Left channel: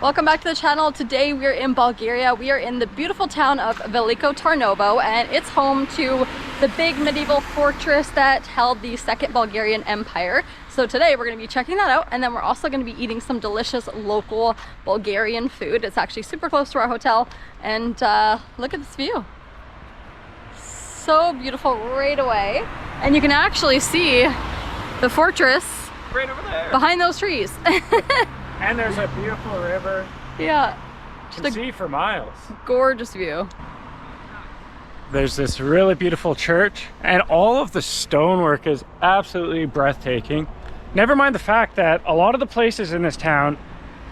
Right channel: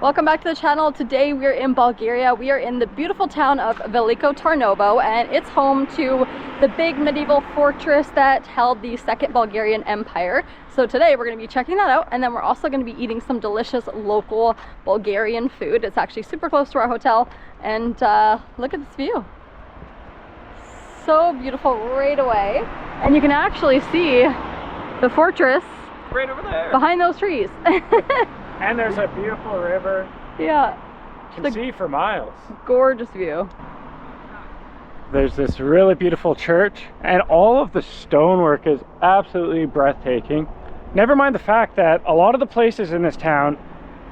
Welcome back to the channel. Today we're in Bulgaria. We are in the beautiful town of Veliko Tarnovo, and it's home to the big medieval fortress that held the Second Bulgarian Empire. So today we're going to be checking that out, and then we're also going to be eating some delicious local Bulgarian food. It's actually super close to our hotel, and look at this view. So beautiful right away. And you can actually see the fortress right over there behind those trees. And there's a beautiful river. Yeah. You can see for miles. Gorgeous view. There's this really beautiful church, and all of the stonework is absolutely breathtaking. Never mind the fact that a lot of the places in this town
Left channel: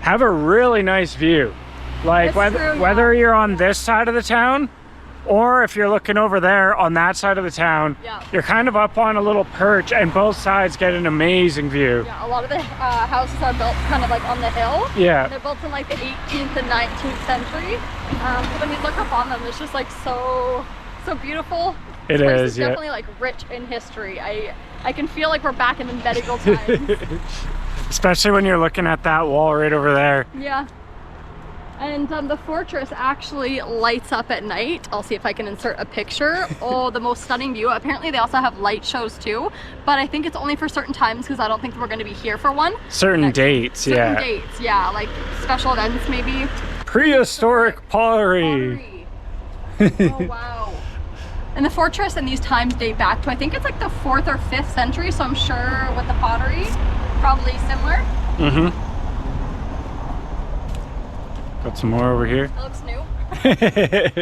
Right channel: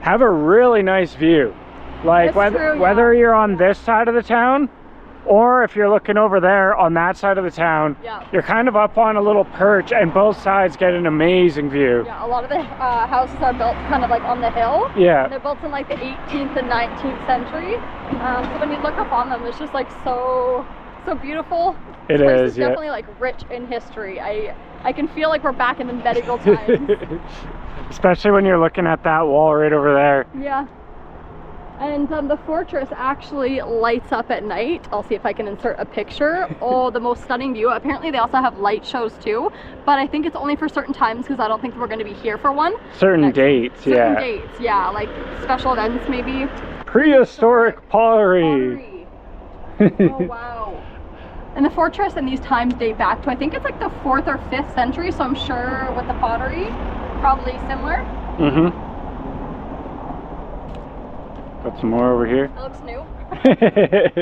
have a really nice view. Like whether you're on this side of the town, or if you're looking over there on that side of the town, you're kind of up on a little perch and both sides get an amazing view. Yeah, a lot of the houses are built kind of like on the hill. Yeah. They're built in like the 18th and 19th century. So when you look up on them, it's just like so beautiful. It is, yeah. Definitely like rich in history. I can feel like we're back in the medieval times. Especially when you're looking at that wall right over there. Yeah. And the fortress actually lights up at night. I'll see if I can insert a picture. Oh, the most stunning view. Apparently they also have light shows too, but I think it's only for certain times because I don't think we're going to be here for one. Certain dates, certain dates, yeah, like special events maybe. Prehistoric pottery. Oh, wow. And the fortress and these times date back to, I think it's like the 4th or 5th century, so I'm sure with the pottery, probably similar. Mm-hmm. Got some more over here. That looks new. That's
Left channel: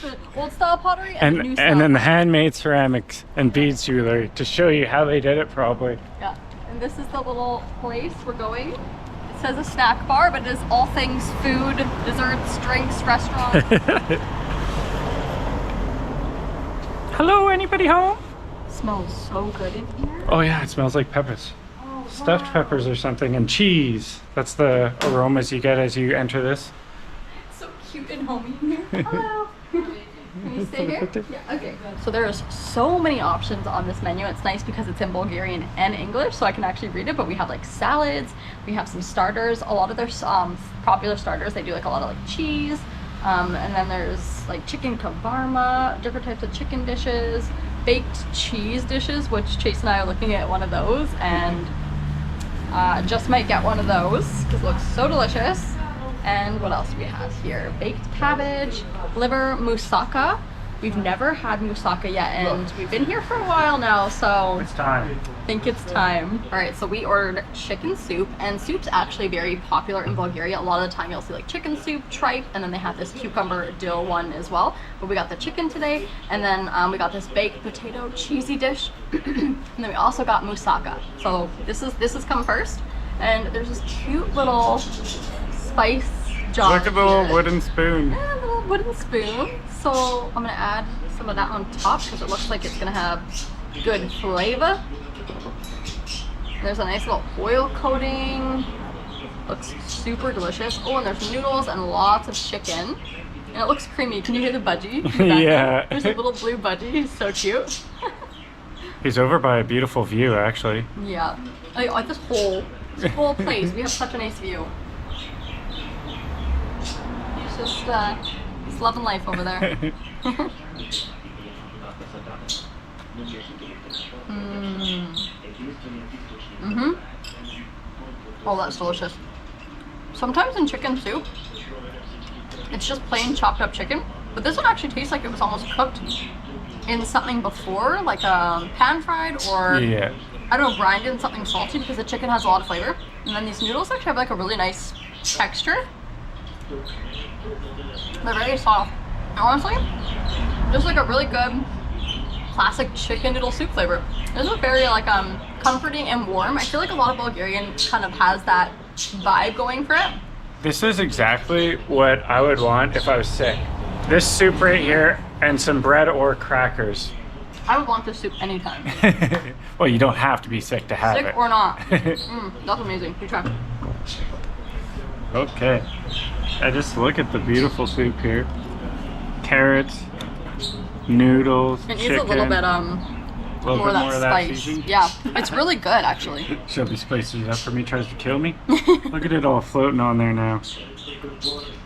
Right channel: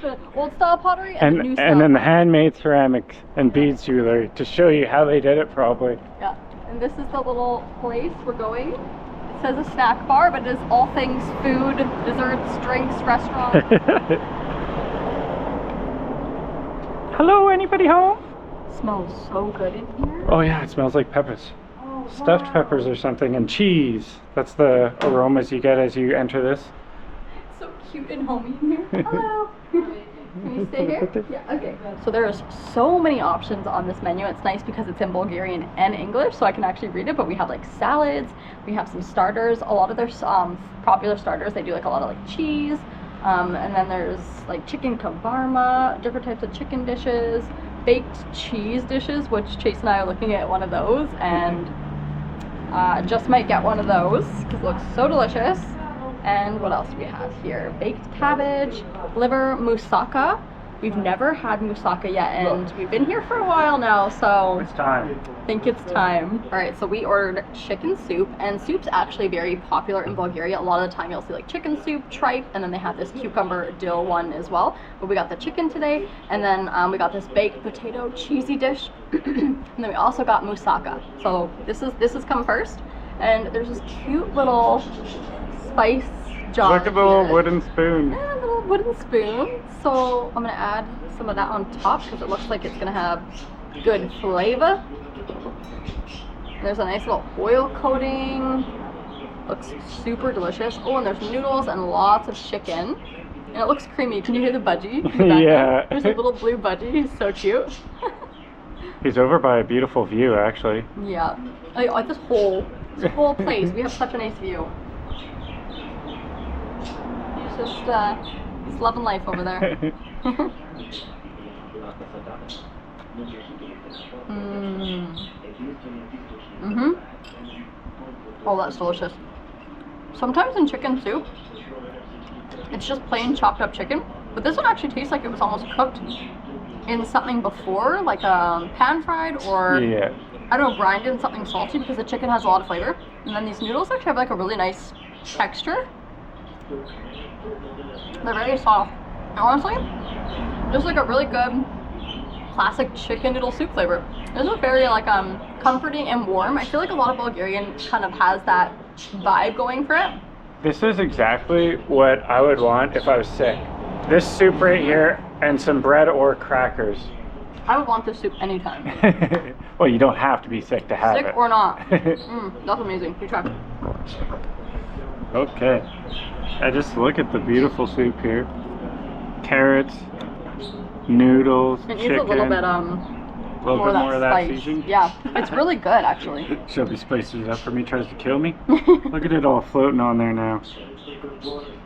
the old style pottery and the new style. And then the handmade ceramics and beads jewelry to show you how they did it probably. Yeah. And this is the little place we're going. It says a snack bar, but it is all things food, desserts, drinks, restaurant. Hello, anybody home? Smells so good in here. Oh yeah, it smells like peppers. Oh, Stuffed peppers or something, and cheese. That's the aromas you get as you enter this. It's so cute and homey in here. Hello. Can you stay here? Yeah, okay. So there's so many options on this menu. It's nice because it's in Bulgarian and English, so I can actually read it, but we have like salads, we have some starters. A lot of their popular starters, they do like a lot of like cheese, and then there's like chicken kavarma, different types of chicken dishes, baked cheese dishes, which Chase and I are looking at one of those, and just might get one of those because it looks so delicious. And what else do we have here? Baked cabbage, liver, moussaka. We've never had moussaka yet, and we've been here for a while now, so it's time. I think it's time. All right, so we ordered chicken soup, and soup's actually very popular in Bulgaria. A lot of the time you'll see like chicken soup, tripe, and then they have this cucumber dill one as well. But we got the chicken today, and then we got this baked potato cheesy dish, and then we also got moussaka. So this has come first, and there's this cute little spice jar. Look at the little wooden spoon. Yeah, a little wooden spoon. So I'm gonna add some of that on top because it looks like it's gonna have good flavor. There's a nice little oil coating. Looks super delicious. Oh, and there's noodles and lots of chicken. And it looks creamy. Can you hear the budgie? Yeah. There's a little blue budgie. He's so cute. He's over by a beautiful view, actually. Yeah. I like this whole place. We have such a nice view. He's just he's loving life over there. Oh, that's delicious. Sometimes in chicken soup, it's just plain chopped up chicken, but this one actually tastes like it was almost cooked in something before, like pan fried or I don't know, brined in something salty, because the chicken has a lot of flavor. And then these noodles actually have like a really nice texture. They're very soft. And honestly, just like a really good classic chicken noodle soup flavor. This is very like comforting and warm. I feel like a lot of Bulgarian kind of has that vibe going for it. This is exactly what I would want if I was sick. This soup right here and some bread or crackers. I would want this soup anytime. Well, you don't have to be sick to have it. Sick or not. That's amazing. You try. Okay. I just look at the beautiful soup here. Carrots, noodles, it chicken. needs a little bit more of that spice. seasoning. Yeah, it's really good actually. Shelby spices it up for me, tries to kill me. Look at it all floating on there now.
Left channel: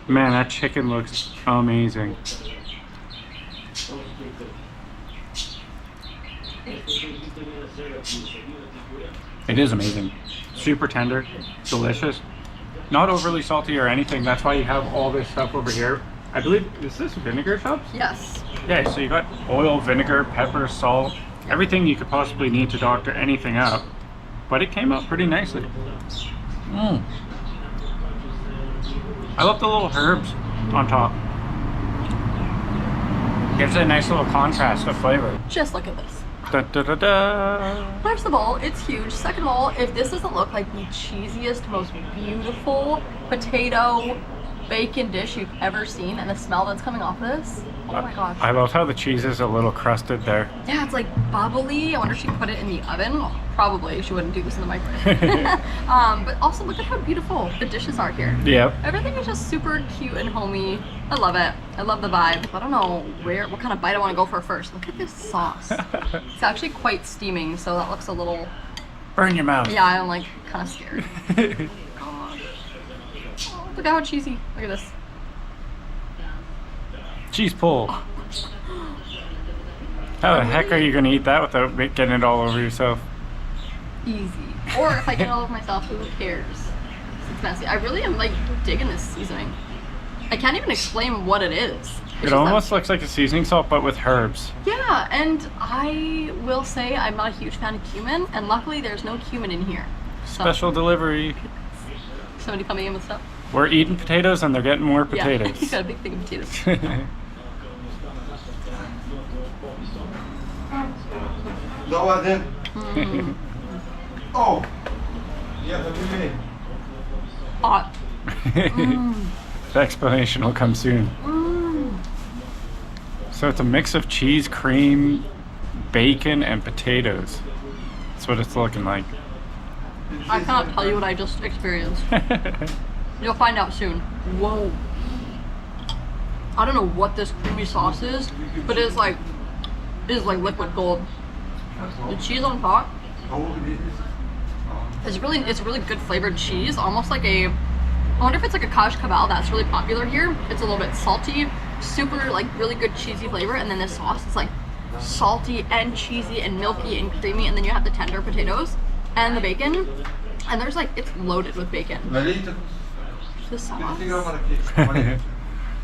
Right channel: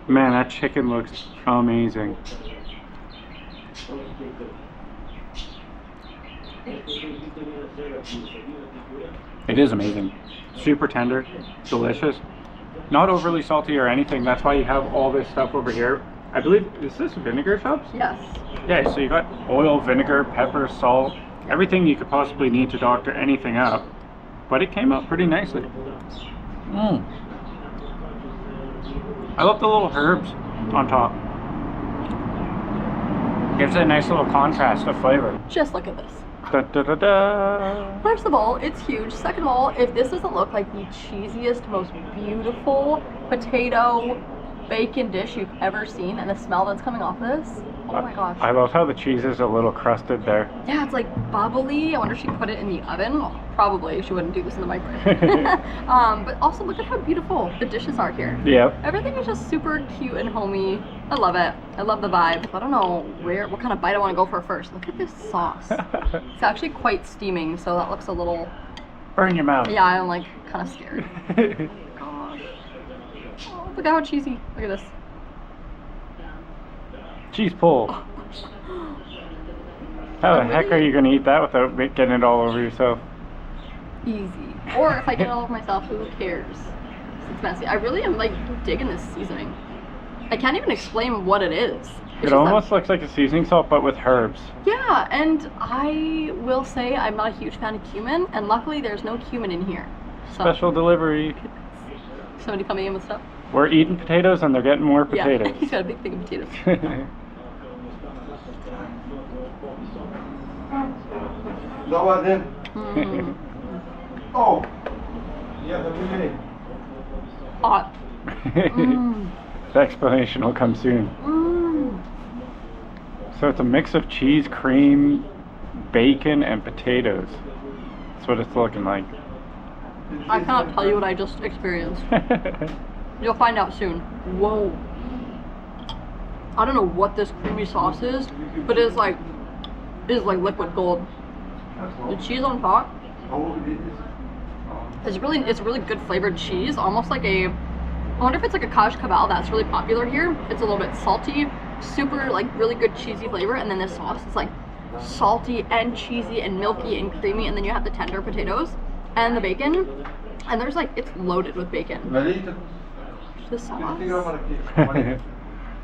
Man, that chicken looks amazing. It is amazing. Super tender, delicious. Not overly salty or anything. That's why you have all this stuff over here. I believe, is this vinegar shops? Yes. Yeah, so you got oil, vinegar, pepper, salt, everything you could possibly need to doctor anything up. But it came out pretty nicely. I love the little herbs on top. Gives it a nice little contrast of flavor. Just look at this. Da, da, da, da. First of all, it's huge. Second of all, if this doesn't look like the cheesiest, most beautiful potato bacon dish you've ever seen, and the smell that's coming off of this, oh my gosh. I love how the cheese is a little crusted there. Yeah, it's like bubbly. I wonder if she put it in the oven. Well, probably. She wouldn't do this in the microwave. But also look at how beautiful the dishes are here. Yep. Everything is just super cute and homey. I love it. I love the vibe. I don't know what kind of bite I want to go for first. Look at this sauce. It's actually quite steaming, so that looks a little... Burn your mouth. Yeah, I'm like kind of scared. God. Oh, look at how cheesy. Look at this. Cheese pull. How the heck are you going to eat that without getting it all over yourself? Easy. Or if I get it all over myself, who cares? It's messy. I really am like digging this seasoning. I can't even explain what it is. It almost looks like a seasoning salt, but with herbs. Yeah, and I will say I'm not a huge fan of cumin, and luckily there's no cumin in here. So. Special delivery. Somebody coming in with stuff? We're eating potatoes and they're getting more potatoes. Yeah, he's got a big thing of potatoes. Oh! Yeah, that'd be me. Hot. The explanation will come soon. So it's a mix of cheese, cream, bacon, and potatoes. That's what it's looking like. I cannot tell you what I just experienced. You'll find out soon. Whoa. I don't know what this creamy sauce is, but it is like liquid gold. The cheese on top. It's really good flavored cheese, almost like a, I wonder if it's like a Kaj Kabal that's really popular here. It's a little bit salty, super like really good cheesy flavor, and then this sauce is like salty and cheesy and milky and creamy, and then you have the tender potatoes and the bacon, and there's like, it's loaded with bacon. The sauce.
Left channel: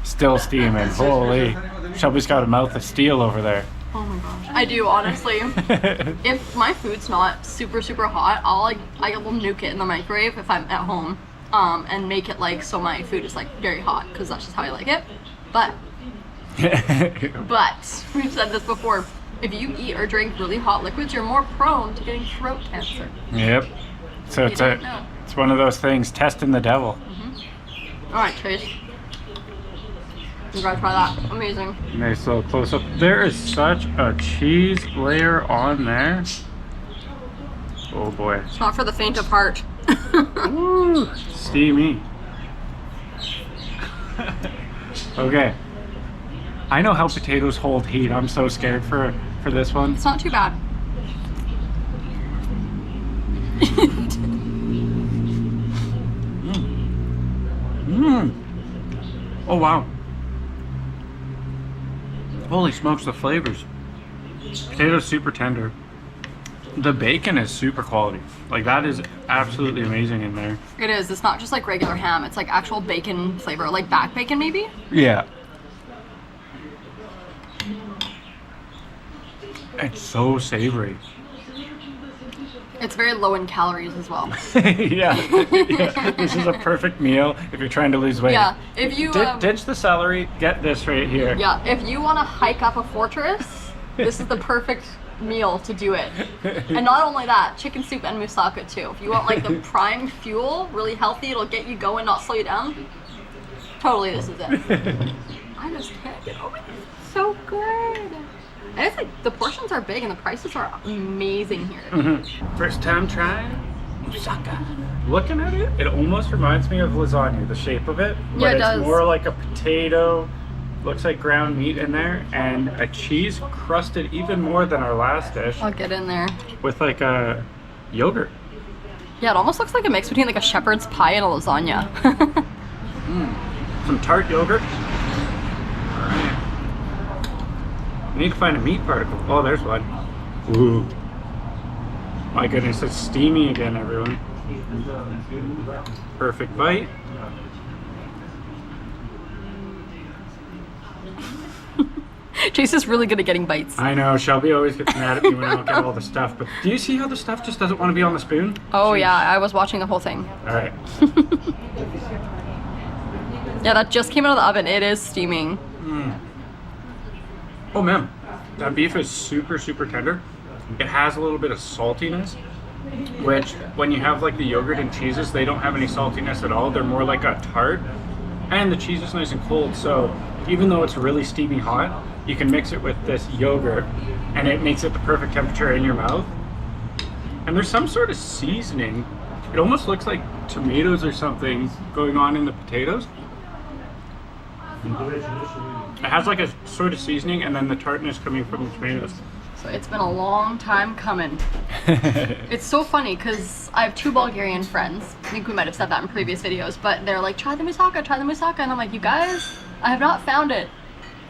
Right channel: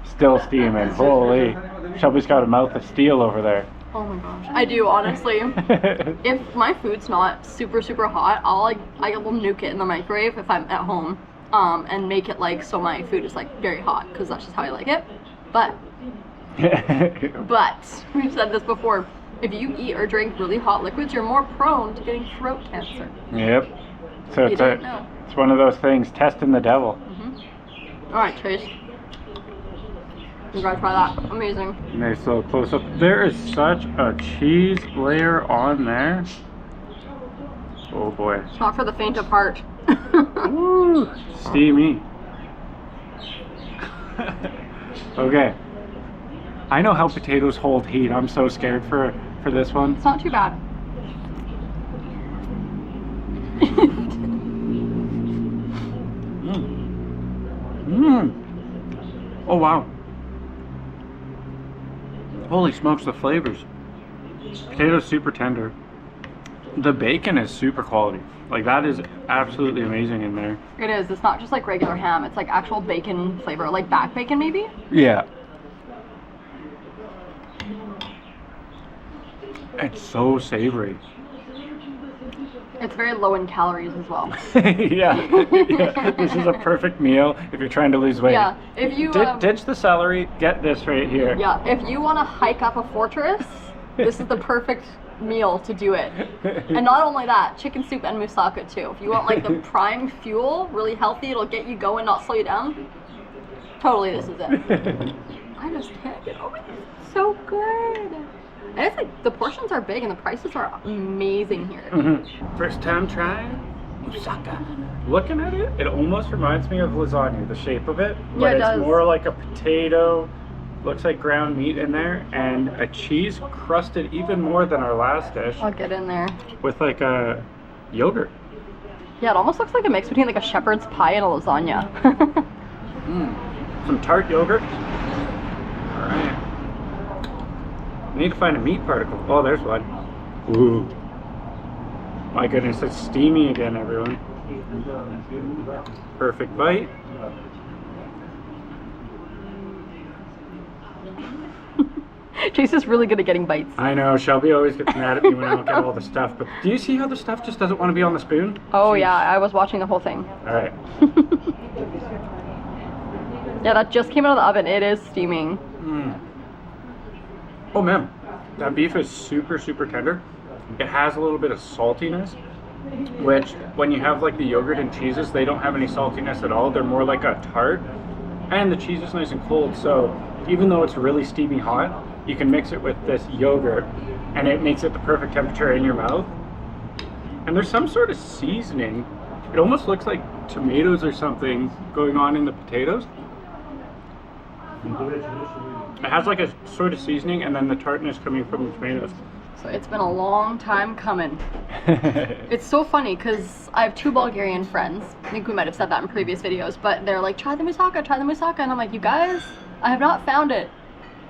Still steaming. Holy. Shelby's got a mouth of steel over there. Oh my gosh. I do, honestly. If my food's not super hot, I will nuke it in the microwave if I'm at home, and make it like so my food is like very hot, because that's just how I like it. But we've said this before, if you eat or drink really hot liquids, you're more prone to getting throat cancer. Yep. So it's one of those things, testing the devil. All right, Chase. You gotta try that. Amazing. Nice little close up. There is such a cheese layer on there. Oh boy. It's not for the faint of heart. Woo, steamy. Okay. I know how potatoes hold heat. I'm so scared for this one. It's not too bad. Oh wow. Holy smokes, the flavors. Potatoes super tender. The bacon is super quality. Like that is absolutely amazing in there. It is. It's not just like regular ham. It's like actual bacon flavor, like back bacon maybe. Yeah. It's so savory. It's very low in calories as well. Yeah. This is a perfect meal if you're trying to lose weight. Yeah, if you ditch the celery, get this right here. Yeah, if you want to hike up a fortress, this is the perfect meal to do it. And not only that, chicken soup and moussaka too. If you want like the prime fuel, really healthy, it'll get you going, not slow you down. Totally, this is it. I just can't get over it. It's so good. And it's like the portions are big and the prices are amazing here. First time trying moussaka. Looking at it, it almost reminds me of lasagna, the shape of it. But Yeah, it it's does. more like a potato, looks like ground meat in there, and a cheese crusted even more than our last dish I'll get in there. with like a yogurt. Yeah, it almost looks like a mix between like a shepherd's pie and a lasagna. Some tart yogurt. All right. I need to find a meat particle. Oh, there's one. Ooh. My goodness, it's steamy again, everyone. Perfect bite. Chase is really good at getting bites. I know, Shelby always gets mad at me when I don't get all the stuff, but do you see how the stuff just doesn't want to be on the spoon? Oh Jeez. yeah, I was watching the whole thing. All right. Yeah, that just came out of the oven. It is steaming. Oh man, that beef is super, super tender. It has a little bit of saltiness, which when you have like the yogurt and cheeses, they don't have any saltiness at all. They're more like a tart. And the cheese is nice and cold, so even though it's really steamy hot, you can mix it with this yogurt and it makes it the perfect temperature in your mouth. And there's some sort of seasoning. It almost looks like tomatoes or something going on in the potatoes. It has like a sort of seasoning and then the tartness coming from the tomatoes. So it's been a long time coming. It's so funny because I have 2 Bulgarian friends. I think we might have said that in previous videos, but they're like, try the moussaka, try the moussaka. And I'm like, you guys, I have not found it.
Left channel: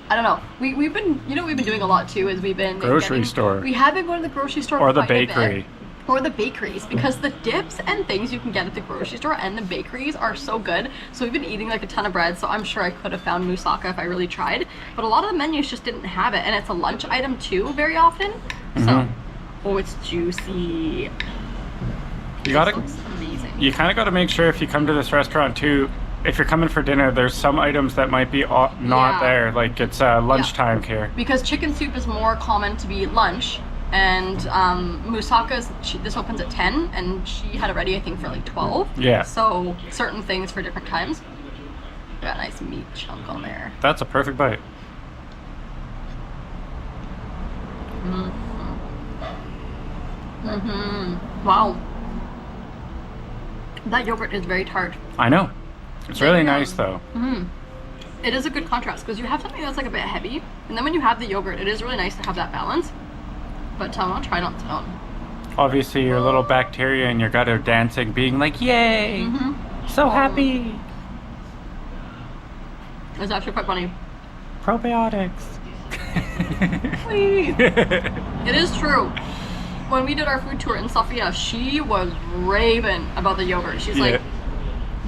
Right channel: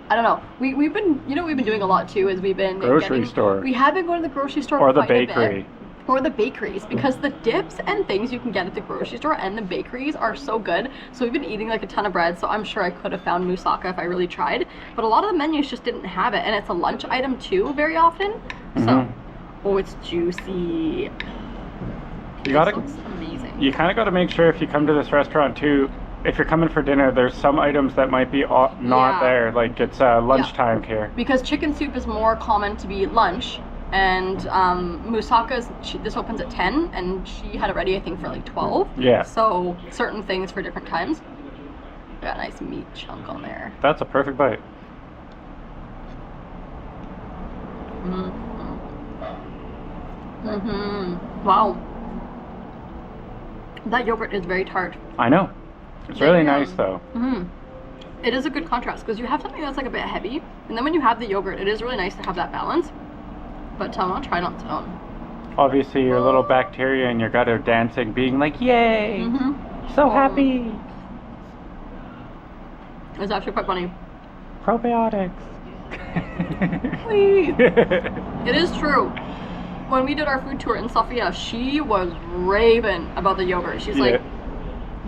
I don't know. We've been, you know what we've been doing a lot too is we've been Grocery store. We have been going to the grocery store Or the quite a bit. bakery. Or the bakeries, because the dips and things you can get at the grocery store and the bakeries are so good. So we've been eating like a ton of bread, so I'm sure I could have found moussaka if I really tried. But a lot of the menus just didn't have it, and it's a lunch item too very often. So, oh, it's juicy. You gotta, This looks amazing. you kind of got to make sure if you come to this restaurant too, if you're coming for dinner, there's some items that might be not Yeah. there. Like it's lunchtime here. Because chicken soup is more common to be lunch. And moussaka, this opens at 10, and she had it ready, I think, for like 12. Yeah. So certain things for different times. Got a nice meat chunk on there. That's a perfect bite. Wow. That yogurt is very tart. I know. It's really nice though. It is a good contrast because you have something that's like a bit heavy, and then when you have the yogurt, it is really nice to have that balance. But I'll try it on its own. Obviously, your little bacteria in your gut are dancing, being like, "Yay! So happy!" It's actually quite funny. Probiotics. Please. It is true. When we did our food tour in Sofia, she was raving about the yogurt. She's like,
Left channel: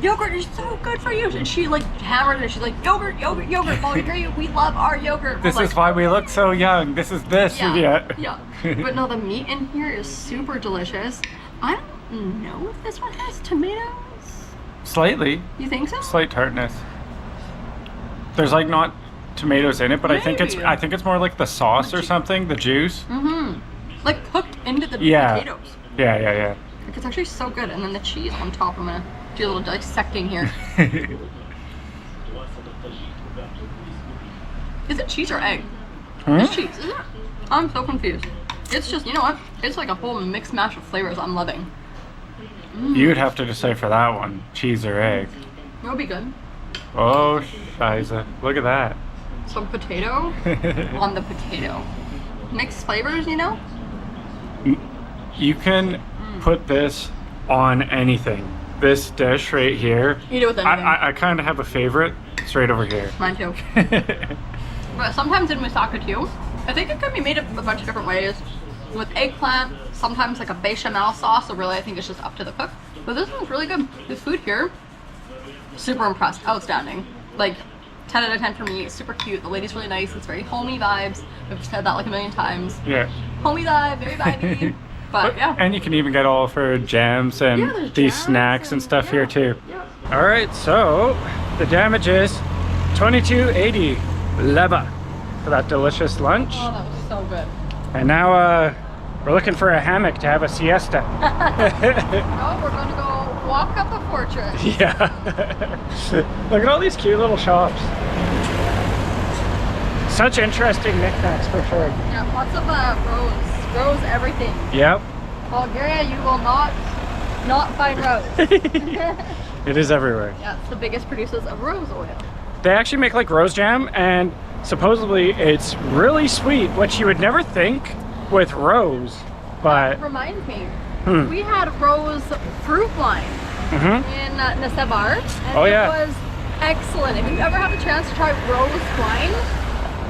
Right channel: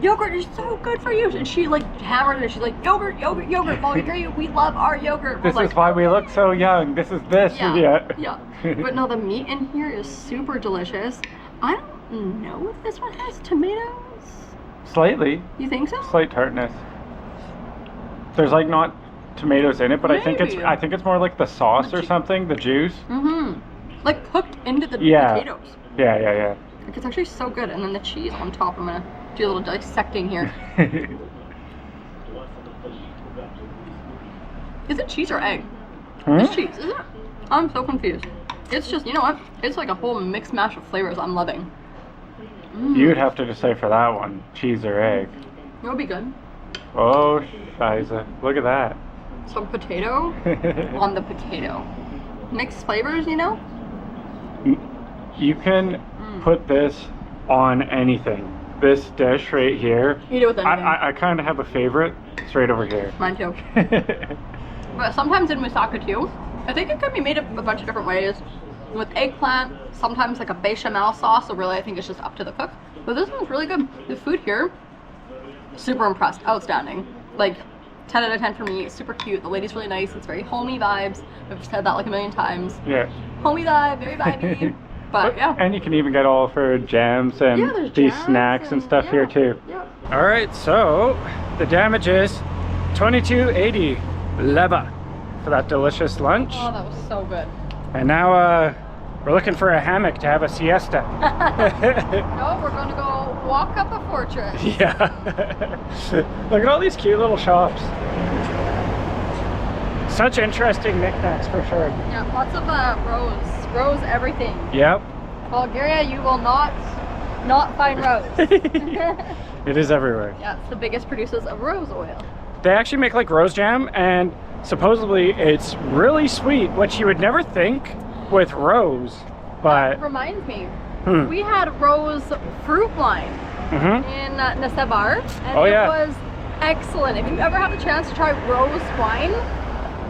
yogurt is so good for you. And she like hammered it. She's like, yogurt, yogurt, yogurt. Bulgaria, we love our yogurt. This is why we look so young. This is this. Yeah. But no, the meat in here is super delicious. I don't know if this one has tomatoes. Slightly. You think so? Slight tartness. There's like not tomatoes in it, but I think it's more like the sauce or something, the juice. Like cooked into the potatoes. Yeah. Like, it's actually so good. And then the cheese on top. I'm gonna do a little dissecting here. Is it cheese or egg? It's cheese, isn't it? I'm so confused. It's just, you know what? It's like a whole mixed mash of flavors I'm loving. You'd have to decide for that one, cheese or egg. It would be good. Oh, shiza. Look at that. Some potato on the potato. Mixed flavors, you know? You can put this on anything. This dish right here. Eat it with anything. I kind of have a favorite. It's right over here. Mine too. But sometimes in moussaka too, I think it can be made up a bunch of different ways. With eggplant, sometimes like a bechamel sauce, so really I think it's just up to the cook. But this one's really good. The food here, super impressed, outstanding. Like 10 out of 10 for me, super cute. The lady's really nice, it's very homey vibes. I've said that like a million times. Yeah. Homey vibe, very vibey. But yeah. And you can even get all of her jams and there's these jams snacks and stuff here too. Yeah. All right, so the damage is 22.80 leva for that delicious lunch. Oh, that was so good. And now we're looking for a hammock to have a siesta. No, we're gonna go walk up the fortress. Yeah. Look at all these cute little shops. Such interesting knickknacks for sure. Yeah, lots of rose everything. Yep. Bulgaria, you will not find rose. It is everywhere. Yeah, it's the biggest producers of rose oil. They actually make like rose jam, and supposedly it's really sweet, which you would never think with rose, but Reminds me, we had rose fruit wine in Nasebar, and it was excellent. If you ever have the chance to try rose wine,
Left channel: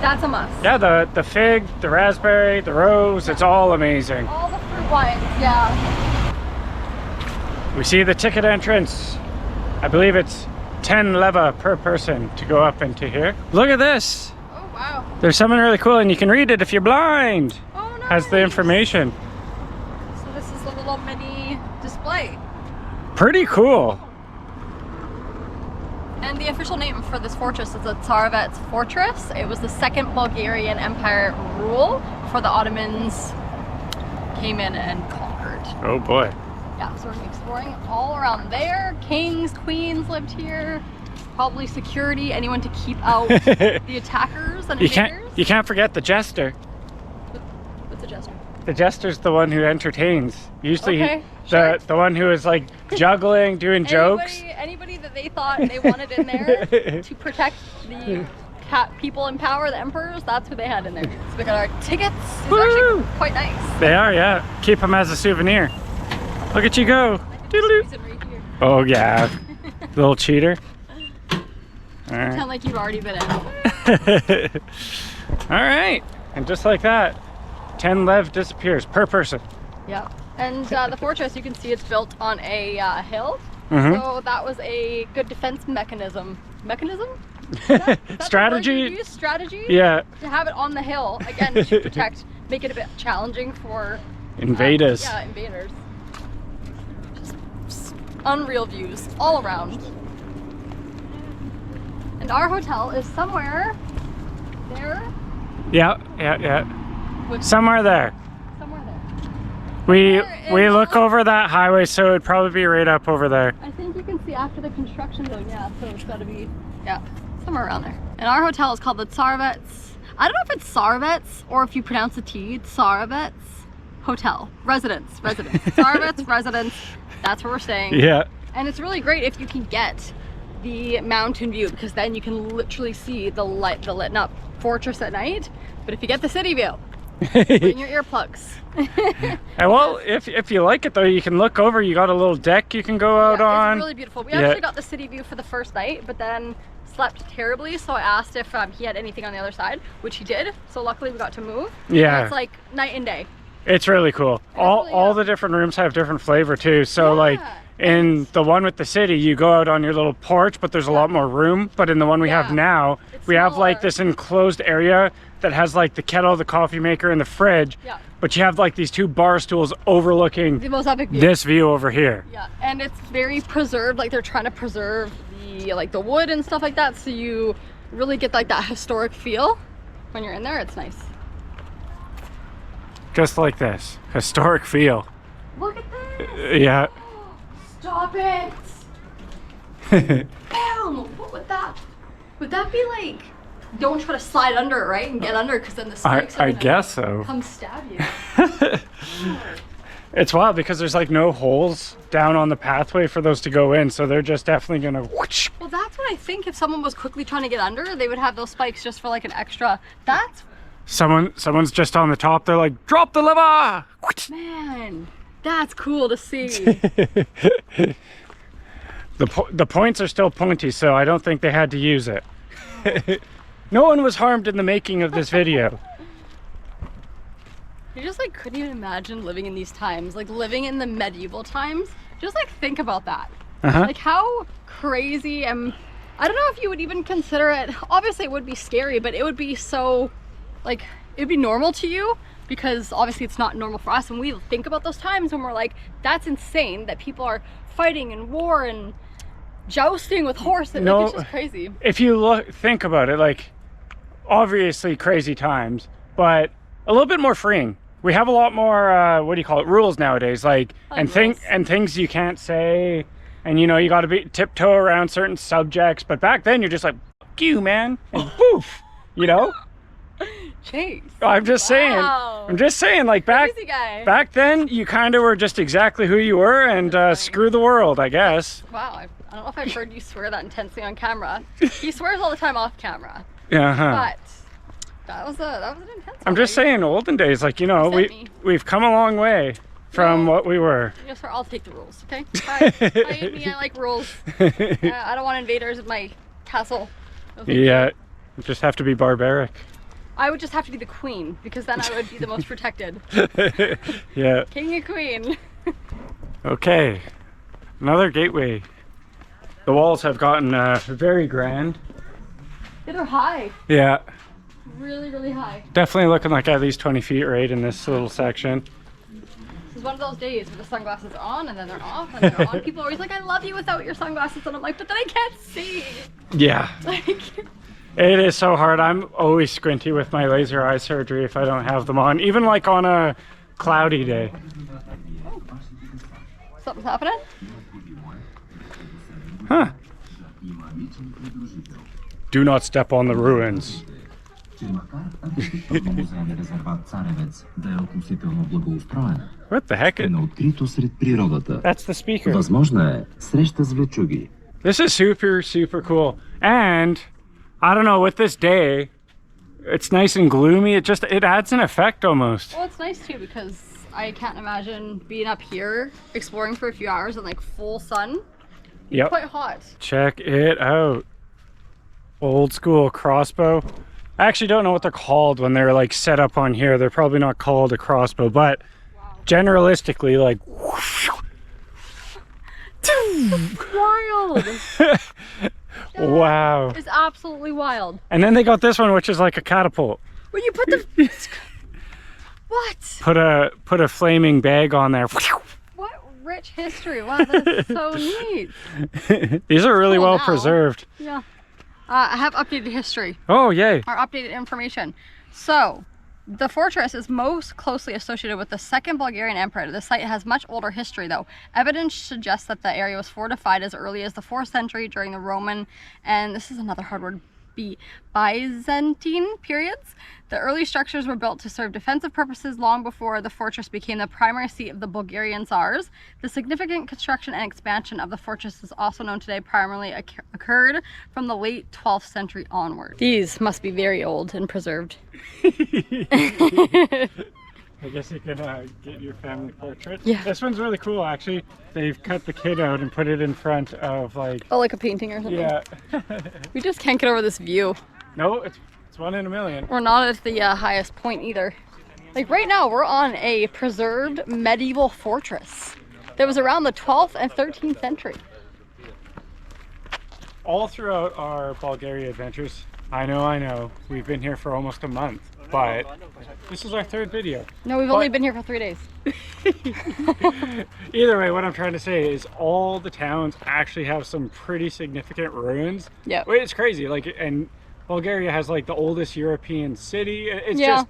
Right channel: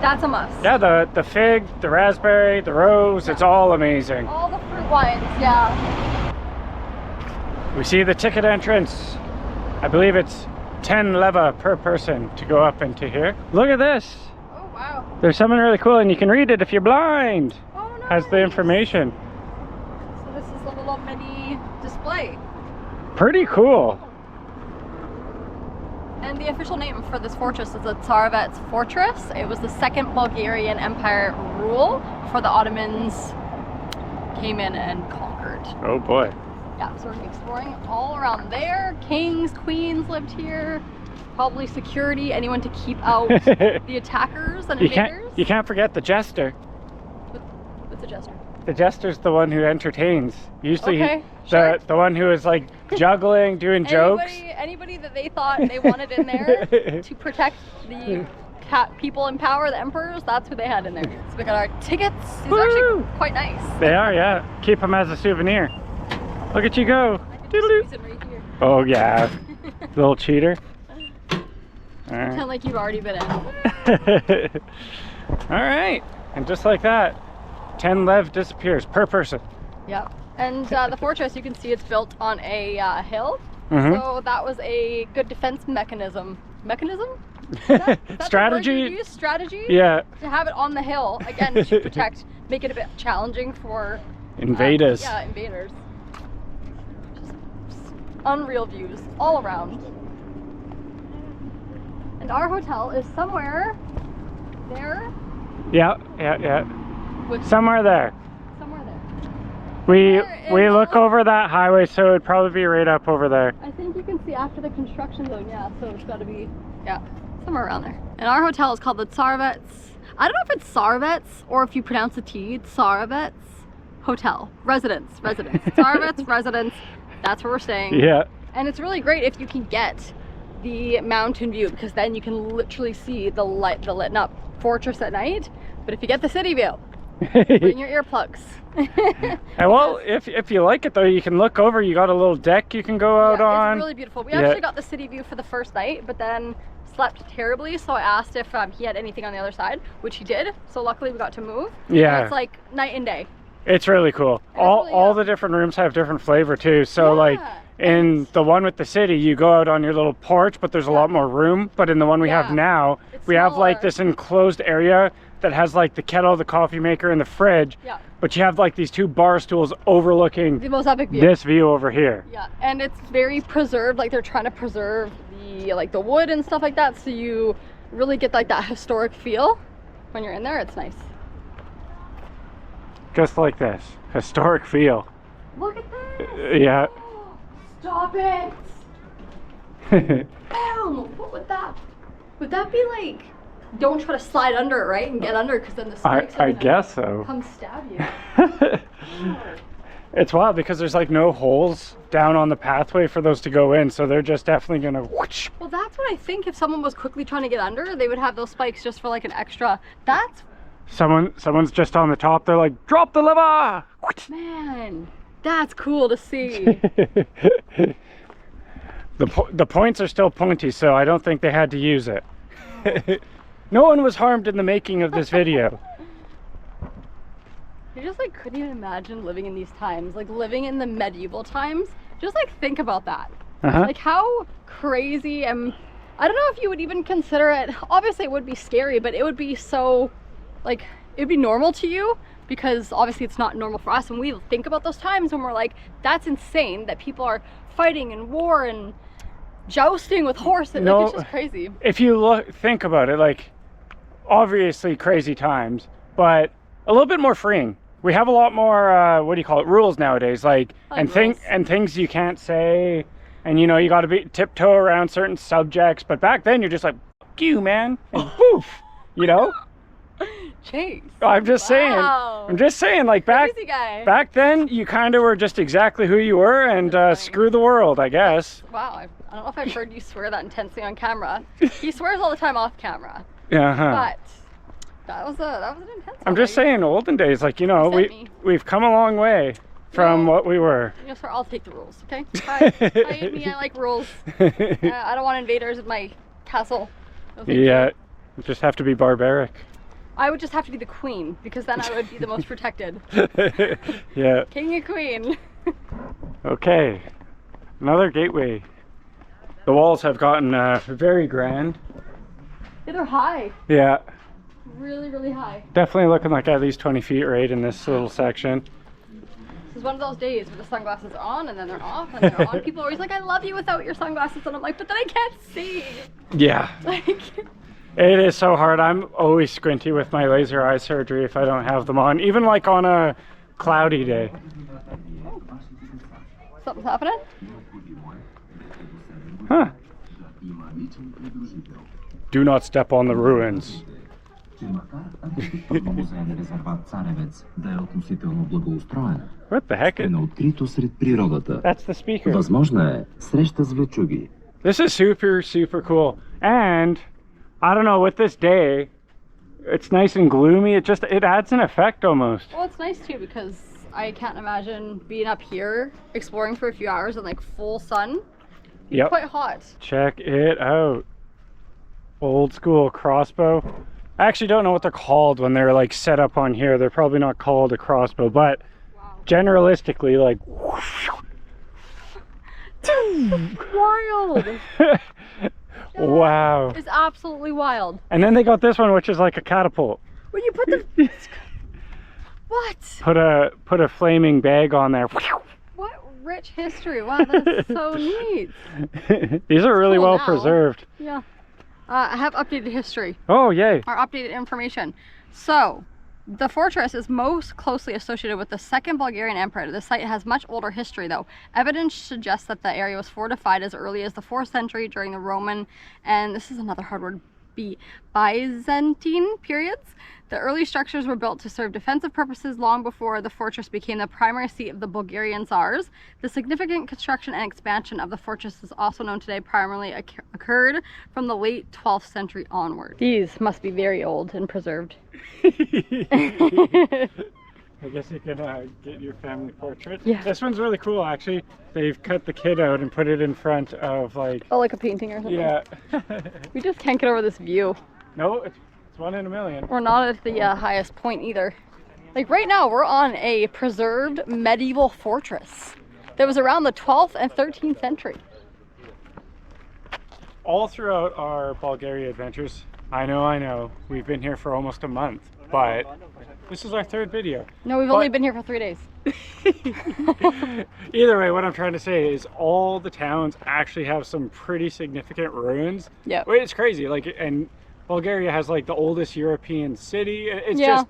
that's a must. Yeah, the fig, the raspberry, the rose, it's all amazing. All the fruit wines, yeah. We see the ticket entrance. I believe it's 10 leva per person to go up into here. Look at this. Oh, wow. There's something really cool, and you can read it if you're blind. Oh, nice. Has the information. So this is a little mini display. Pretty cool. And the official name for this fortress is the Tsarevets Fortress. It was the second Bulgarian Empire rule before the Ottomans came in and conquered. Oh boy. Yeah, so we're gonna be exploring all around there. Kings, queens lived here. Probably security, anyone to keep out the attackers and invaders. You can't forget the jester. What's the jester? The jester's the one who entertains. Usually Okay, sure. the one who is like juggling, doing jokes. Anybody that they thought they wanted in there to protect the people in power, the emperors, that's who they had in there. So we got our tickets. These are actually quite nice. They are, yeah. Keep them as a souvenir. Look at you go. I can just squeeze it right here. Oh yeah, little cheater. All right. Pretend like you've already been in. All right, and just like that, 10 lev disappears per person. Yep. And the fortress, you can see it's built on a hill. Mhm. So that was a good defense mechanism. Mechanism? Is that Strategy? The word you use? Strategy? Yeah. To have it on the hill, again, to protect, make it a bit challenging for Invaders. yeah, invaders. Just unreal views all around. And our hotel is somewhere there. Yeah. Which, Somewhere there. somewhere there. We Where in look the- over that highway, so it'd probably be right up over there. I think you can see after the construction zone, yeah, so it's gotta be, yeah, somewhere around there. And our hotel is called the Tsarevets. I don't know if it's Tsarevets or if you pronounce the T, Tsarevets Hotel. Residence. Tsarevets Residence, that's where we're staying. Yeah. And it's really great if you can get the mountain view, because then you can literally see the lit up fortress at night. But if you get the city view, bring your earplugs. And well, if you like it though, you can look over. You got a little deck you can go out Yeah, on. it's really beautiful. We Yeah. actually got the city view for the first night, but then slept terribly, so I asked if he had anything on the other side, which he did. So luckily we got to move. Yeah. And it's like night and day. It's really cool. All really, the different rooms have different flavor too. So Yeah. like in the one with the city, you go out on your little porch, but there's a lot more room. But in the one we have Yeah. now, It's we have like smaller. this enclosed area that has like the kettle, the coffee maker, and the fridge. Yeah. But you have like these two bar stools overlooking The most epic view. this view over here. Yeah, and it's very preserved. Like they're trying to preserve the wood and stuff like that, so you really get like that historic feel when you're in there. It's nice. Just like this. Historic feel. Look at this! Yeah. Stop it! Bam! What would that? Would that be like? Don't try to slide under it, right? And get under, because then the snakes are I gonna guess so. come stab you. It's wild because there's like no holes down on the pathway for those to go in, so they're just definitely gonna whoosh. Well, that's what I think. If someone was quickly trying to get under, they would have those spikes just for like an extra. That's Someone's just on the top, they're like, drop the lever! Whoosh. man. That's cool to see. The points are still pointy, so I don't think they had to use it. No one was harmed in the making of this video. You just like couldn't even imagine living in these times, like living in the medieval times. Just like think about that. Like how crazy, and I don't know if you would even consider it, obviously it would be scary, but it would be so, like, it'd be normal to you, because obviously it's not normal for us, and we think about those times when we're like, that's insane that people are fighting and war and jousting with horses. No, like, it's just crazy. If you think about it, like, obviously crazy times, but a little bit more freeing. We have a lot more, what do you call it, rules nowadays, like, I like rules. and things you can't say, and you know, you gotta be tiptoe around certain subjects, but back then you're just like, fuck you, man, and poof, you know? Chase. I'm just Wow. saying, like, Crazy guy. back then you kind of were just exactly who you were, and screw the world, I guess. Wow, I don't know if I've heard you swear that intensely on camera. He swears all the time off camera, Uh-huh. but that was an intense I'm one. just saying, olden days, like, you know, Sent me. we've come a long way from what we were. Yes, sir, I'll take the rules, okay? Hi, me, I like rules. I don't want invaders in my castle. No, thank you. Yeah, you just have to be barbaric. I would just have to be the queen because then I would be the most protected. Yeah. King and queen. Okay, another gateway. The walls have gotten very grand. Yeah, they're high. Yeah, Really, really high. definitely looking like at least 20 feet right in this little section. This is one of those days where the sunglasses are on and then they're off and they're on. People are always like, I love you without your sunglasses. And I'm like, but then I can't see. Yeah, Like, it is so hard. I'm always squinty with my laser eye surgery if I don't have them on, even like on a cloudy day. something's happening. Huh. Do not step on the ruins. Музейния резерват Царевец да е относително благоустроена. What the heck? Е на открито сред природата. That's the speaker. Възможна е среща с влечуги. This is super, super cool. And I don't know, with this day, it's nice and gloomy. It adds an effect almost. Well, it's nice too because I can't imagine being up here exploring for a few hours in like full sun. It's Yep. quite hot. Check it out. Old school crossbow. I actually don't know what they're called when they're like set up on here. They're probably not called a crossbow, but generalistically, like. Wild. Wow. It's absolutely wild. And then they got this one, which is like a catapult. When you put the what? Put a flaming bag on there. What rich history. Wow, that's so neat. These are really Cool well now. preserved. Yeah. I have updated history, Oh, yay. or updated information. So, the fortress is most closely associated with the second Bulgarian emperor. The site has much older history though. Evidence suggests that the area was fortified as early as the 4th century during the Roman, and this is another hard word, Byzantine periods. The early structures were built to serve defensive purposes long before the fortress became the primary seat of the Bulgarian Tsars. The significant construction and expansion of the fortress is also known today primarily occurred from the late 12th century onward. These must be very old and preserved. I guess you can get your family portrait. Yeah. This one's really cool, actually. They've cut the kid out and put it in front of like. Oh, like a painting or something? Yeah. We just can't get over this view. No, it's one in a million. We're not at the highest point either. Like right now, we're on a preserved medieval fortress that was around the 12th and 13th century. All throughout our Bulgaria adventures, I know, we've been here for almost a month, but this is our 3rd video. No, we've only been here for 3 days. Either way, what I'm trying to say is all the towns actually have some pretty significant ruins. Yeah. It's crazy, like, and Bulgaria has like the oldest European city. It's Yeah. just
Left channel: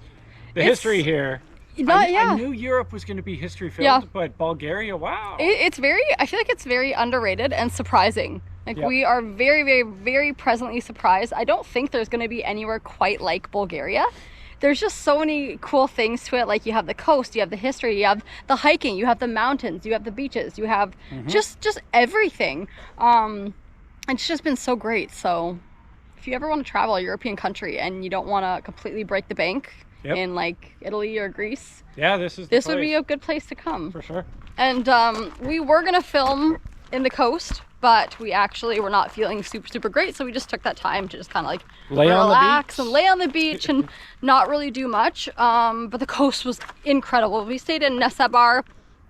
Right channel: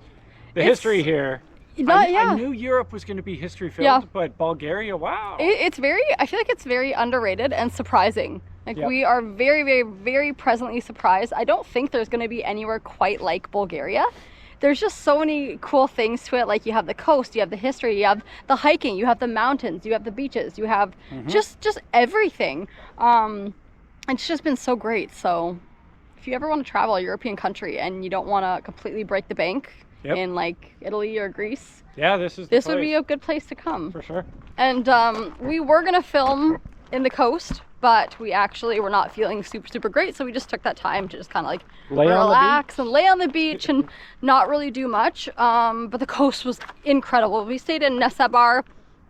the history here. I knew Europe was going to be history filled, Yeah. but Bulgaria, wow. It's very, I feel like it's very underrated and surprising. Like Yep. we are very, very, very presently surprised. I don't think there's going to be anywhere quite like Bulgaria. There's just so many cool things to it. Like you have the coast, you have the history, you have the hiking, you have the mountains, you have the beaches, you have just everything. It's just been so great. So if you ever want to travel a European country and you don't want to completely break the bank Yep. in like Italy or Greece, Yeah, this is the this would be place, a good place to come. for sure. And we were gonna film in the coast, but we actually were not feeling super great, so we just took that time to just kind of like Lay on the relax beach. and lay on the beach and not really do much. But the coast was incredible. We stayed in Nesebar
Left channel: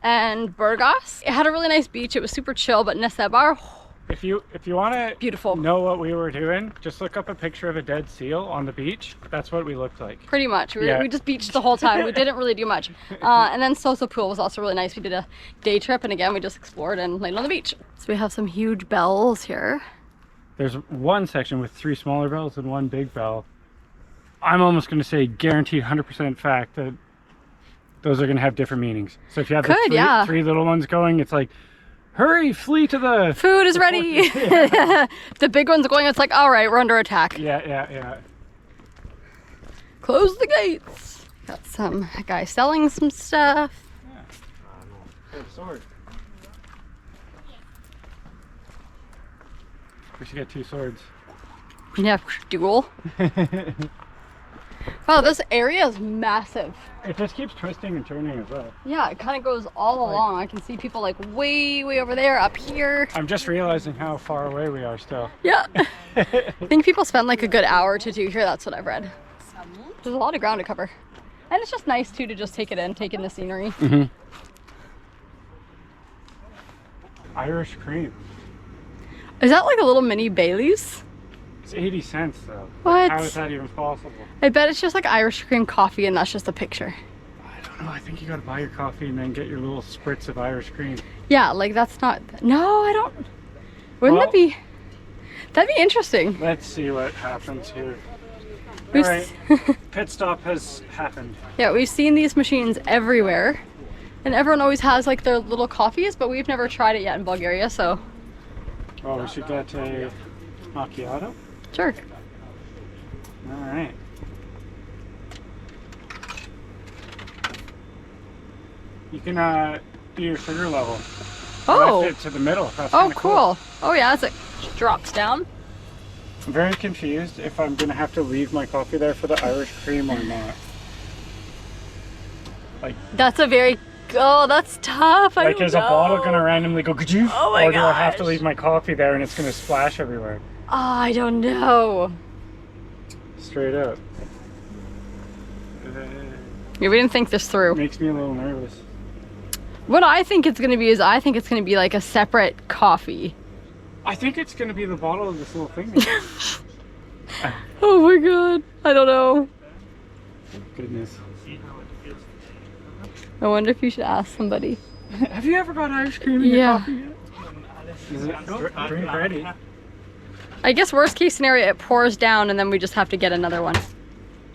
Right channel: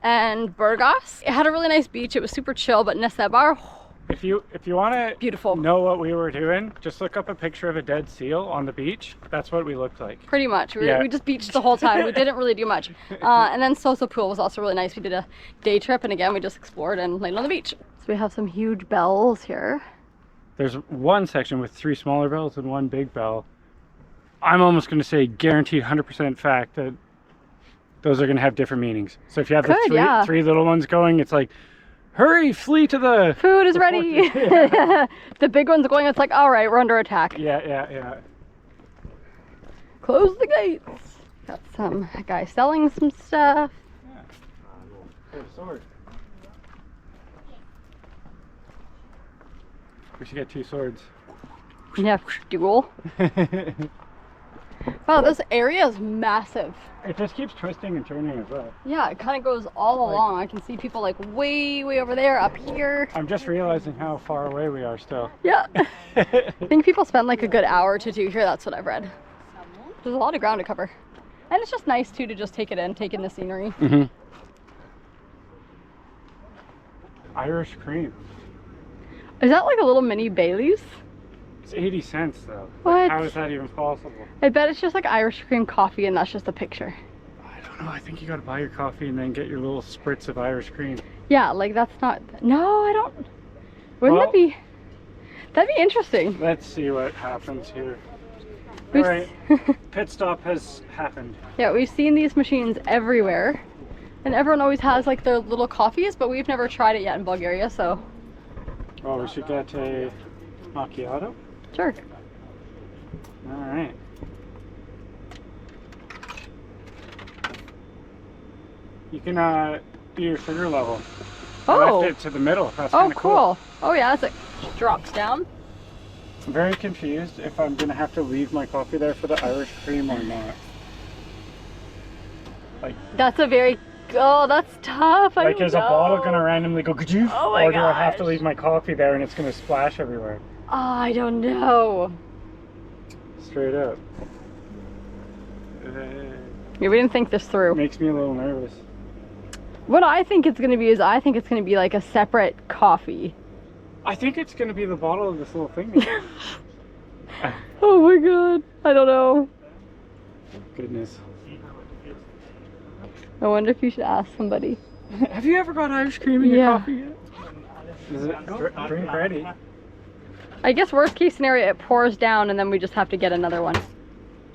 and Burgas. It had a really nice beach. It was super chill, but Nesebar, If you want to beautiful. know what we were doing, just look up a picture of a dead seal on the beach. That's what we looked like. Pretty much. Yeah. We just beached the whole time. We didn't really do much. And then Soso Pool was also really nice. We did a day trip, and again, we just explored and laid on the beach. So we have some huge bells here. There's one section with 3 smaller bells and 1 big bell. I'm almost going to say guaranteed 100% fact that those are going to have different meanings. So if you have Could, the yeah. 3 little ones going, it's like, hurry, flee to the... Food is ready. Yeah. The big one's going, it's like, all right, we're under attack. Yeah. Close the gates. Got some guy selling some stuff. Sword. We should get 2 swords. Yeah, duel. Wow, this area is massive. It just keeps twisting and turning as well. Yeah, it kind of goes all along. I can see people like way over there, up here. I'm just realizing how far away we are still. Yeah. I think people spend like a good hour to do here. That's what I've read. There's a lot of ground to cover. And it's just nice too to just take it in, take in the scenery. Mm-hmm. Irish cream. Is that like a little mini Bailey's? It's 80 cents though. What? Like, how is that even possible? I bet it's just like Irish cream coffee and that's just a picture. I don't know. I think you gotta buy your coffee and then get your little spritz of Irish cream. Yeah, like that's not... No, I don't... Wouldn't Well, that be... That'd be interesting. Let's see what happens here. We've Alright, pit stop has happened. Yeah, we've seen these machines everywhere. And everyone always has like their little coffees, but we've never tried it yet in Bulgaria, so... Well, we should get a macchiato. Sure. Alright. You can do your sugar level. I Oh! left it to the middle. That's Oh, kinda cool. Oh yeah, it's like drops down. I'm very confused if I'm gonna have to leave my coffee there for the Irish cream or not. Like, That's a very... Oh, that's tough. I like don't is a bottle know. gonna randomly go, could you? Oh my or do I have to gosh. leave my coffee there and it's gonna splash everywhere? Oh, I don't know. Straight up. Yeah, we didn't think this through. Makes me a little nervous. What I think it's gonna be is I think it's gonna be like a separate coffee. I think it's gonna be the bottle of this little thing. Oh my god. I don't know. Goodness. I wonder if you should ask somebody. Have you ever got Irish cream in your Yeah. coffee yet? Is it drink ready? I guess worst case scenario, it pours down and then we just have to get another one.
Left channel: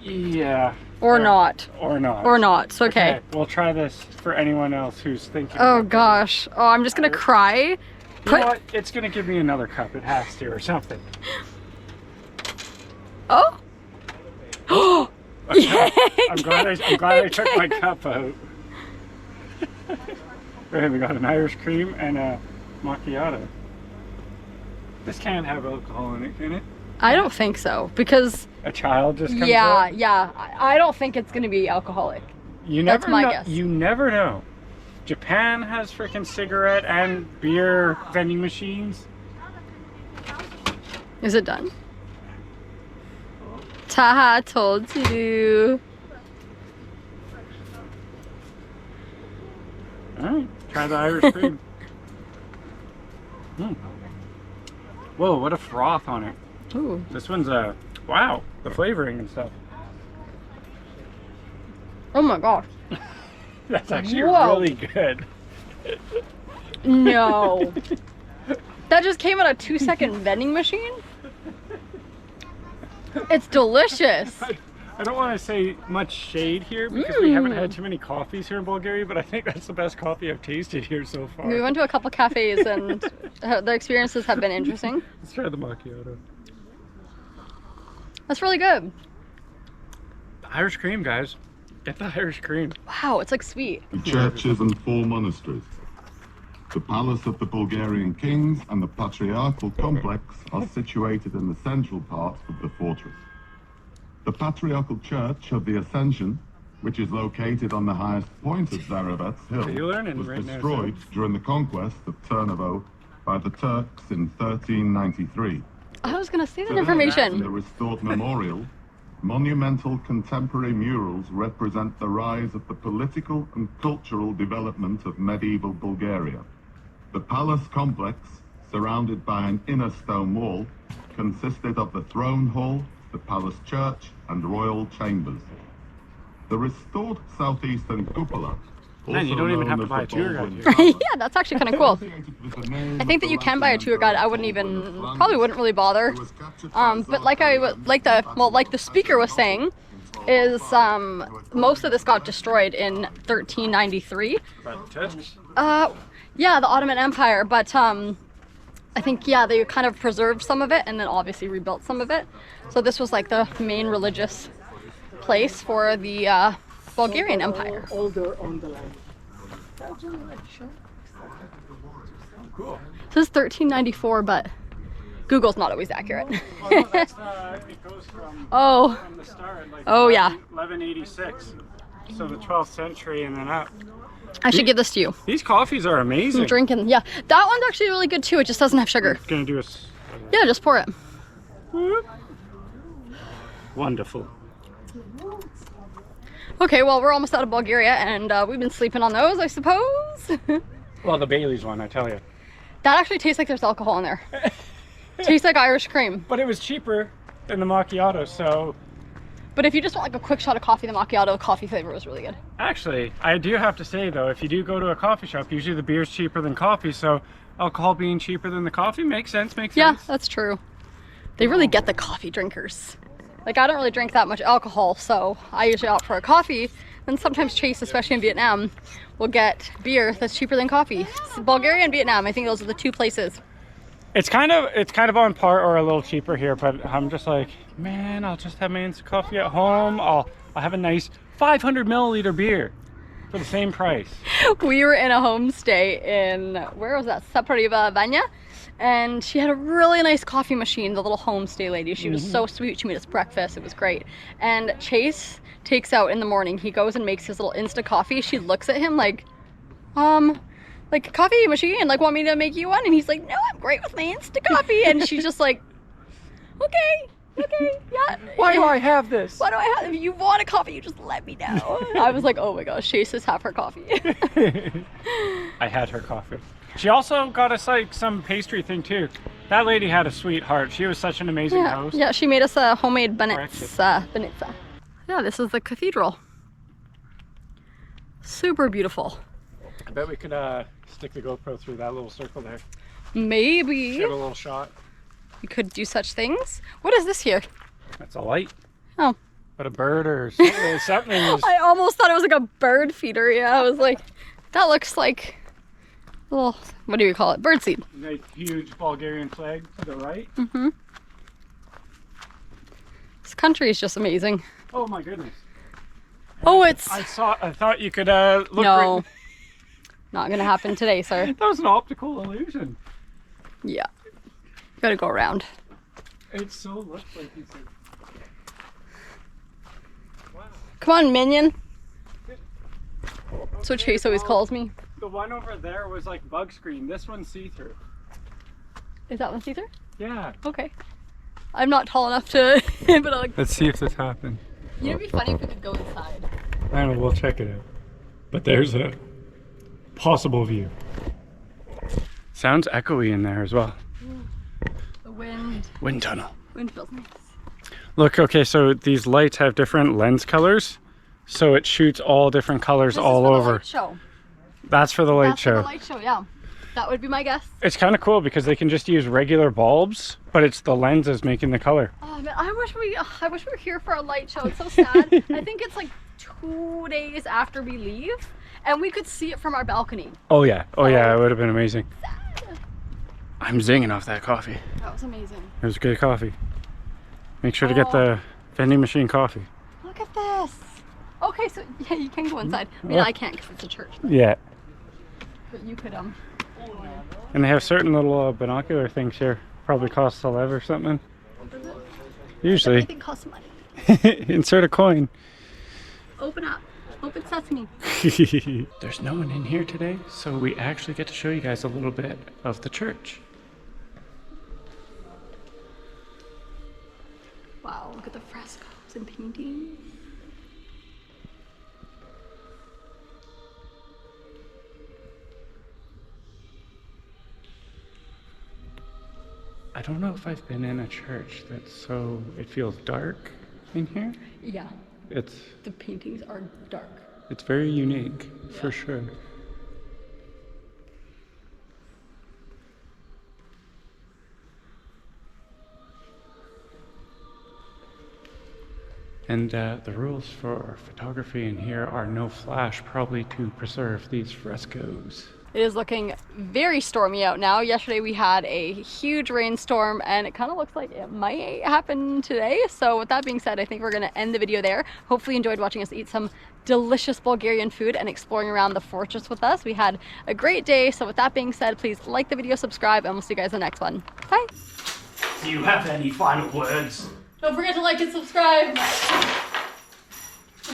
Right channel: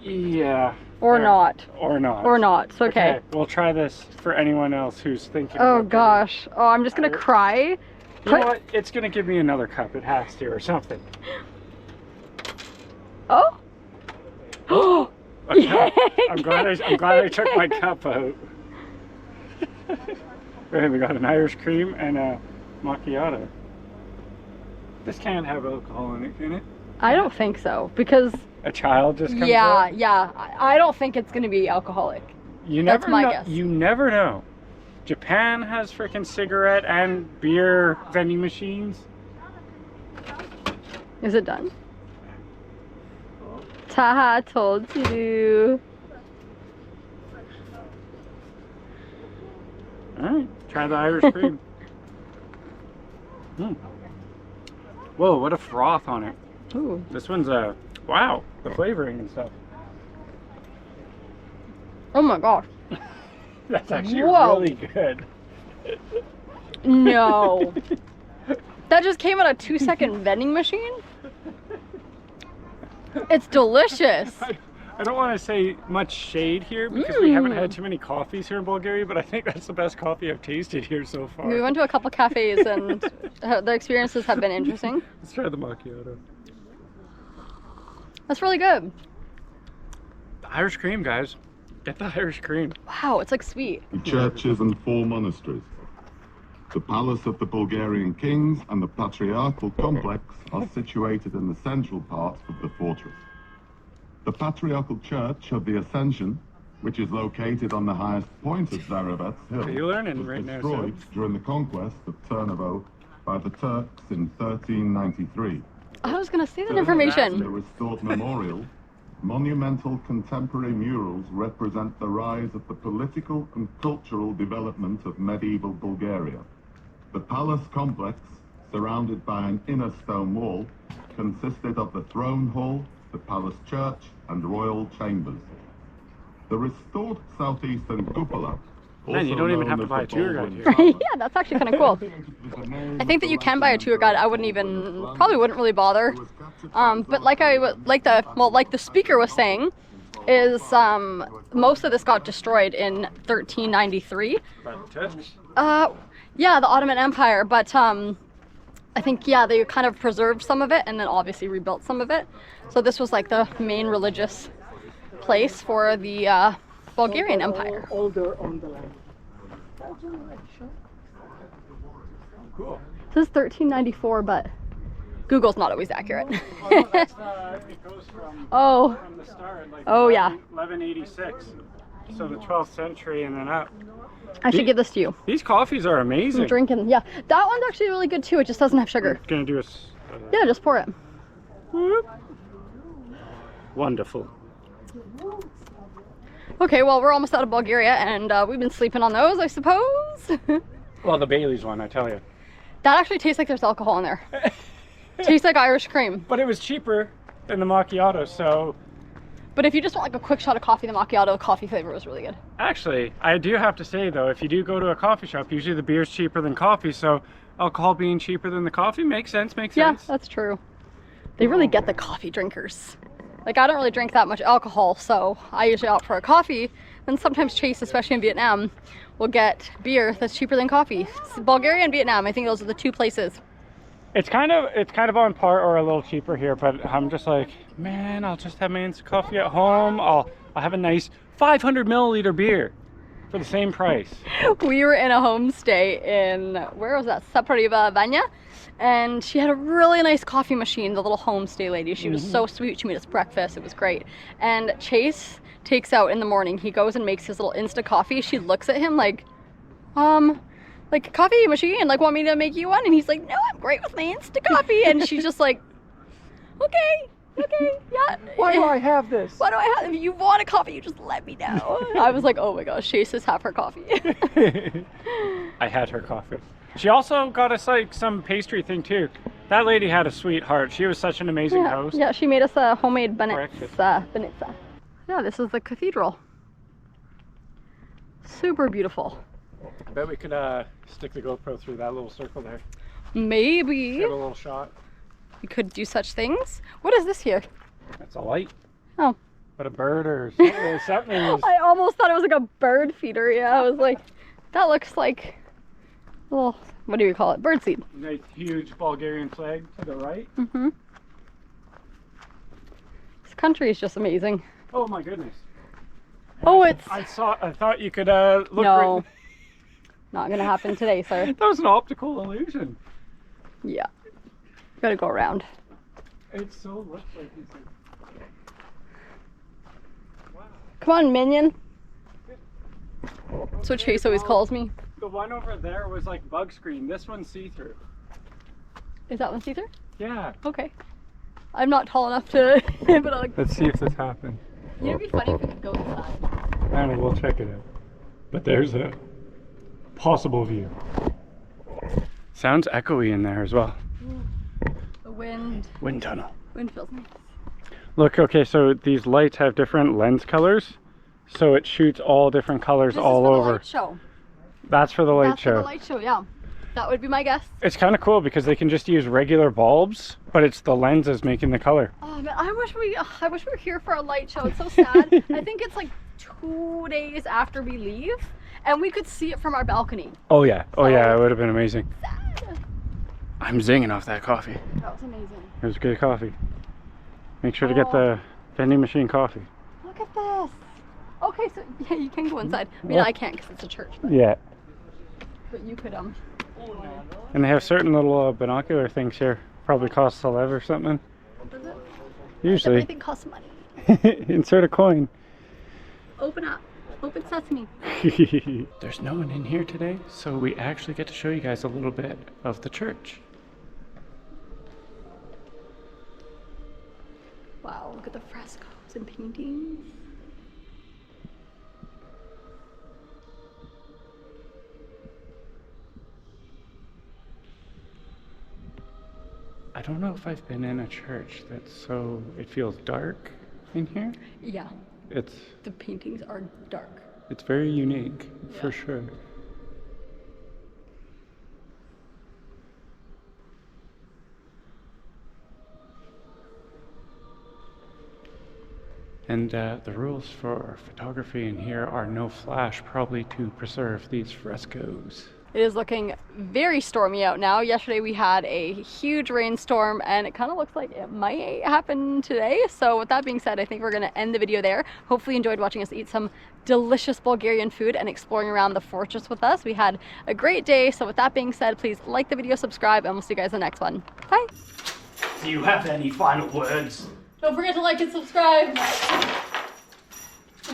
Yeah. Or Yeah. not. Or not. Or not. It's okay. We'll try this for anyone else who's thinking. Oh about gosh. Oh, I'm just gonna cry. You know what? It's gonna give me another cup. It has to, or something. Oh. Oh. Okay. I'm glad I took my cup out. Right, we got an Irish cream and a macchiato. This can't have alcohol in it, can it? I don't think so because A child just comes yeah, out? yeah. I don't think it's gonna be alcoholic. You That's never my know. guess. You never know. Japan has freaking cigarette and beer vending machines. Is it done? Taha told you. Alright, try the Irish cream. Whoa, what a froth on it. Ooh. This one's wow, the flavoring and stuff. Oh my gosh. That's actually Whoa. really good. No. That just came out a 2-second vending machine? It's delicious. I don't want to say much shade here because we haven't had too many coffees here in Bulgaria, but I think that's the best coffee I've tasted here so far. We went to a couple cafes and the experiences have been interesting. Let's try the macchiato. That's really good. The Irish cream, guys. Get the Irish cream. Wow, it's like sweet. The churches and 4 monasteries. The palace of the Bulgarian kings and the patriarchal complex are situated in the central part of the fortress. The Patriarchal Church of the Ascension, which is located on the highest point of Tsarevets Hill, You're learning was right now, destroyed during the conquest of Tarnovo by the Turks in 1393. I was gonna say that In the information. restored memorial, monumental contemporary murals represent the rise of the political and cultural development of medieval Bulgaria. The palace complex, surrounded by an inner stone wall, consisted of the throne hall, the palace church, and royal chambers. The restored southeastern cupola. Man, you also don't even known have to as buy a the tour guide Baldwin here. Tower, Yeah, that's actually kind of cool. was the name I think that of you the can buy a tour guide. I wouldn't even, probably wouldn't really bother. who was captured by But like like the speaker was saying, is most of this got destroyed in 1393. But Turks. Yeah, the Ottoman Empire, but I think they kind of preserved some of it and then obviously rebuilt some of it. So this was like the main religious place for the Bulgarian Empire. Older on the line. Cool. This is 1394, but Google's not always accurate. Oh, no, that's the goes from the start, like Oh, yeah. 1186, so the 12th century and then up. I should give this to you. These coffees are amazing. I'm drinking. Yeah, that one's actually really good too. It just doesn't have sugar. Gonna do a Yeah, just pour it. wonderful. Okay, well, we're almost out of Bulgaria, and we've been sleeping on those, I suppose. Well, the Bailey's one, I tell you. That actually tastes like there's alcohol in there. Tastes like Irish cream. But it was cheaper than the macchiato, so... But if you just want like a quick shot of coffee, the macchiato coffee flavor was really good. Actually, I do have to say though, if you do go to a coffee shop, usually the beer's cheaper than coffee, so alcohol being cheaper than the coffee makes sense, Yeah, that's true. They really get the coffee drinkers. Like, I don't really drink that much alcohol, so I usually opt for a coffee. And sometimes Chase, especially in Vietnam, will get beer that's cheaper than coffee. So Bulgaria and Vietnam, I think those are the two places. It's kind of on par or a little cheaper here, but I'm just like, man, I'll just have my instant coffee at home. I'll have a nice 500 milliliter beer for the same price. We were in a homestay in, where was that? Tsarevets, and she had a really nice coffee machine, the little homestay lady. She was so sweet. She made us breakfast. It was great. And Chase takes out in the morning. He goes and makes his little Insta coffee. She looks at him like coffee machine, like, want me to make you one? And he's like, no, I'm great with my Insta coffee. And she's just like, okay, yeah. Why do I have this? Why do I have, if you want a coffee, you just let me know. I was like, oh my gosh, Chase has half her coffee. I had her coffee. She also got us like some pastry thing too. That lady had a sweetheart. She was such an amazing host. Yeah, she made us a homemade banitsa. Yeah, this is the cathedral. Super beautiful. I bet we could stick the GoPro through that little circle there. Maybe. Give a little shot. We could do such things. What is this here? That's a light. Oh. But a bird or something. I almost thought it was like a bird feeder. Yeah, I was like, that looks like a little, what do you call it? Birdseed. Nice huge Bulgarian flag to the right. Mm-hmm. This country is just amazing. Oh my goodness. Oh, it's... I thought you could look. No. Right... Not gonna happen today, sir. That was an optical illusion. Yeah. Gotta go around. It so looks like you said. Wow. Come on, minion. That's what Chase always calls me. The one over there was like bug screen. This one's see-through. Is that one see-through? Yeah. Okay. I'm not tall enough to, but I like. Let's see if this happens. You know, it'd be funny if we could go inside. I don't know, we'll check it out. But there's a possible view. Sounds echoey in there as well. The wind. Wind tunnel. Wind feels nice. Look, okay, so these lights have different lens colors, so it shoots all different colors all over. The light show. That's for the light That's show. for the light show, yeah. That would be my guess. It's kind of cool because they can just use regular bulbs, but it's the lenses making the color. Oh man, I wish we were here for a light show. It's so sad. I think it's like 2 days after we leave, and we could see it from our balcony. Oh yeah, Oh. yeah, it would have been amazing. Sad. I'm zinging off that coffee. That was amazing. It was good coffee. Make sure to get the vending machine coffee. Look at this. Okay, so yeah, you can go inside. I mean, I can't because it's a church. Yeah. But you could And they have certain little binocular things here. Probably costs a lev or something. Does it? Usually. Everything costs money. Insert a coin. Open up. Open sesame. There's no one in here today, so we actually get to show you guys a little bit of the church. Wow, look at the frescoes and paintings. I don't know if I've been in a church that's so, it feels dark in here. Yeah, the paintings are dark. It's very unique, Yeah. for sure. And the rules for photography in here are no flash, probably to preserve these frescoes. It is looking very stormy out now. Yesterday we had a huge rainstorm and it kind of looks like it might happen today. So with that being said, I think we're going to end the video there. Hopefully you enjoyed watching us eat some delicious Bulgarian food and exploring around the fortress with us. We had a great day. So with that being said, please like the video, subscribe, and we'll see you guys in the next one. Bye. Do you have any final words? Don't forget to like and subscribe.